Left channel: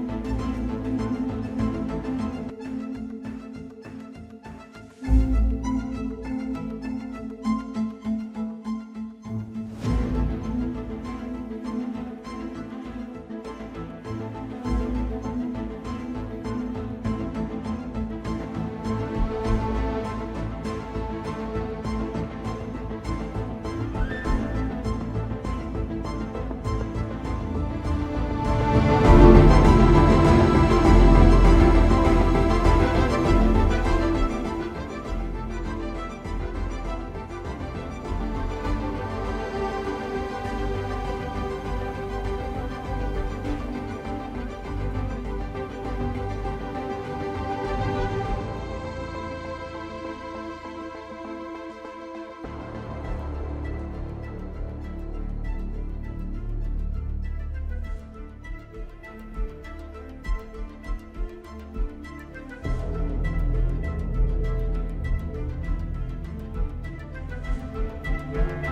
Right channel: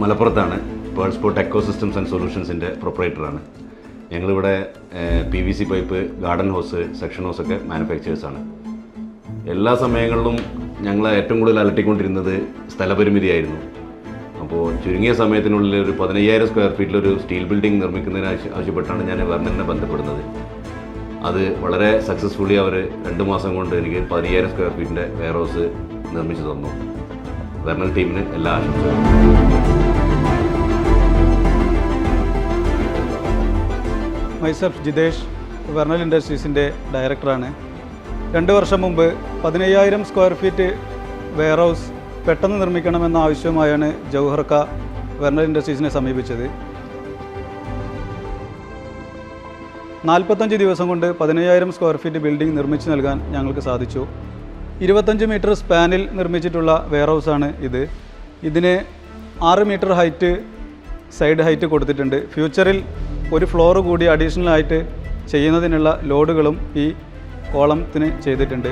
മലപ്പുറത്താണ്. വേൾഡ്സ്പോർട്ട് ecosystems and സൊല്യൂഷൻസിൻ്റെ പ്രൊപ്പറേറ്ററാണ്. ഞങ്ങളിവിടെ PVC pipe, garden ഹോസ്, section ഹോസൊക്കെ മാനുഫാക്ചേഴ്സാണ്. എല്ലാ സമയങ്ങളിലും ഞങ്ങൾ ഏറ്റവും കൂടുതൽ അലട്ടിക്കൊണ്ടിരുന്നത് സ്ഥലപരിമിതിയായിരുന്നു. അപ്പോൾ ചുരുങ്ങിയ സമയത്തിനുള്ളിൽ ഒരു 15,000 സ്ക്വയർ ഫീറ്റിലൊരു സ്റ്റീൽ ബിൽഡിംഗ് നിർമ്മിക്കുന്നതിന് ആവശ്യപ്പെട്ടാണ് ഞാൻ വെർണലിനെ ബന്ധപ്പെടുന്നത്. അത് വളരെ സക്സസ്ഫുള്ളി അവർ 2 മാസം കൊണ്ട് എനിക്ക് 15,000 സ്ക്വയർ ഫീറ്റിൻ്റെ വെയർ ഹൗസ് നിർമ്മിച്ചു തന്നു. വെർണൽ ടീമിന് എല്ലാ ആശംസകളും. മൈസെൽഫ് ജിതേഷ്, വെർണൽ ഇൻഡസ്ട്രീസിൻ്റെ ഡയറക്ടറാണ്. 2 വർഷം മുമ്പ് 15,000 സ്ക്വയർ ഫീറ്റ് വെയർ ഹൗസ് പെട്ടെന്ന് നിർമ്മിക്കണമെന്ന ആവശ്യവുമായാണ് ജൗഹർക്ക വെർണൽ ഇൻഡസ്ട്രീസിനെ സമീപിച്ചത്. 45 ദിവസം കൊണ്ട് 15,000 സ്ക്വയർ ഫീറ്റ് ബിൽഡിംഗ് നിർമ്മിച്ചു നൽകാൻ ഞങ്ങൾക്ക് സാധിച്ചു. 25 മീറ്റർ സ്പാനിൽ നിർമ്മിച്ചിട്ടുള്ള വെയർ ഹൗസാണ് ഇത്. ഇതിന് 6 മീറ്റർ ഹൈറ്റ് സൈഡ് ഹൈറ്റ് കൊടുത്തിട്ടുണ്ട്. ഫ്യൂച്ചറിൽ ഒരു ഫ്ലോർ കൂടി അഡീഷണൽ ആയിട്ട് ചെയ്യുന്നതിനുള്ള ലോഡുകളും ഈ കോളത്തിന് ചെയ്തിട്ടുണ്ട്.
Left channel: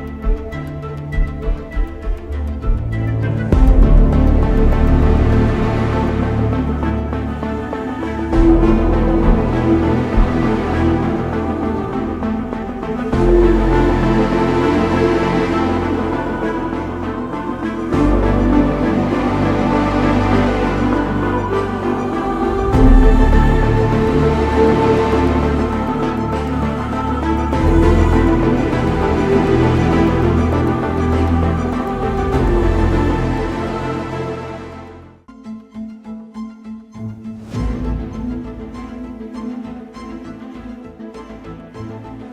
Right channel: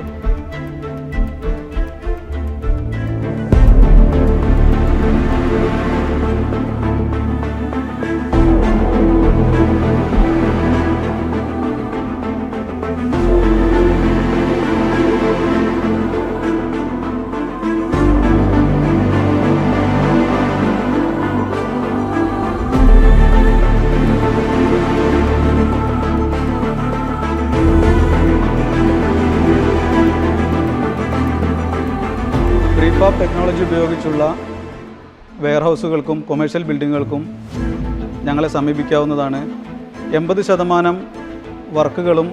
ടെക്നോളജി ഉപയോഗിച്ചുള്ള വെയർ ഹൗസുകൾക്കും കൊമേഴ്ഷ്യൽ ബിൽഡിങ്ങുകൾക്കും ഞങ്ങളെ സമീപിക്കാവുന്നതാണ്. 80% വർക്കുകളും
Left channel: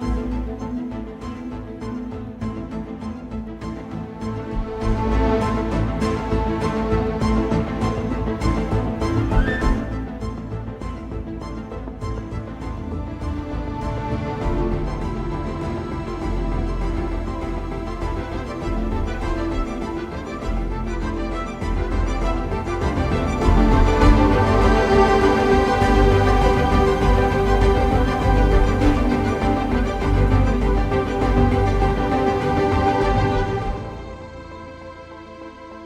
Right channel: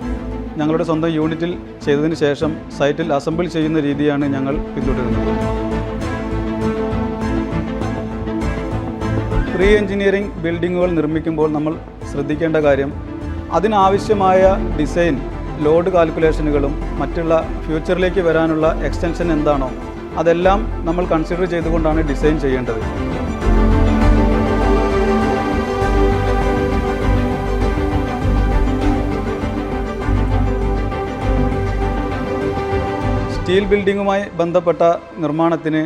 ഞങ്ങളുടെ സ്വന്തം യൂണിറ്റിൽ ചെയ്തതിന് ശേഷം സൈറ്റിൽ അസംബിൾ ചെയ്യുന്ന രീതിയാണ് ഞങ്ങൾ പിന്തുടരുന്നത്. പ്രീ എഞ്ചിനീയറിംഗ് ബിൽഡിങ്ങുകൾ നിർമ്മിക്കുമ്പോൾ നമ്മൾ ശ്രദ്ധിക്കേണ്ട കാര്യം, അതിനാവശ്യമായ ഡിസൈൻ, ലോഡ് കാൽക്കുലേഷനുകളും മറ്റുള്ള ഫ്യൂച്ചറിലേക്ക് വരാനുള്ള എക്സ്റ്റൻഷൻ എന്താണോ അതെല്ലാം നമ്മൾ കൺസിഡർ ചെയ്തുകൊണ്ടാണ് ഡിസൈൻ ചെയ്യേണ്ടത്. സ്റ്റീൽ ബിൽഡിങ്ങുമായി ബന്ധപ്പെട്ട നിർമ്മാണത്തിന്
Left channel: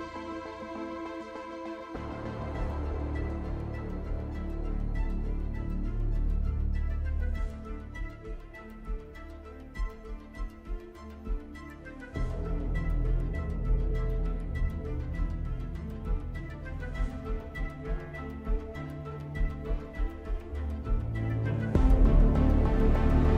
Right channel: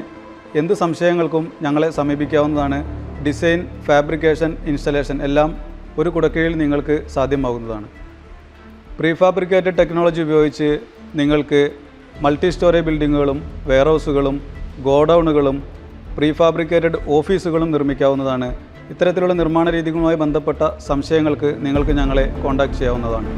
എന്ത് സംശയങ്ങൾക്കും ഞങ്ങളെ സമീപിക്കാവുന്നതാണ്. ഡിസൈൻ, ഫാബ്രിക്കേഷൻ, ഇൻസ്റ്റലേഷൻ എല്ലാം ഒരു കുടക്കീഴിൽ നിങ്ങൾക്ക് സാധ്യമാകുന്നതാണ്. പ്രീഫാബ്രിക്കേറ്റഡ് ടെക്നോളജി ഉപയോഗിച്ച് നിങ്ങൾക്ക് മൾട്ടി സ്റ്റോറി ബിൽഡിങ്ങുകളും വെയർ ഹൗസുകളും ഗോഡൗണുകളും പ്രീഫാബ്രിക്കേറ്റഡ് ഓഫീസുകളും നിർമ്മിക്കാവുന്നതാണ്. ഇത്തരത്തിലുള്ള നിർമ്മാണ രീതികളുമായി ബന്ധപ്പെട്ട സംശയങ്ങൾക്ക് നിങ്ങൾക്ക് ഞങ്ങളെ കോൺടാക്റ്റ് ചെയ്യാവുന്നതാണ്.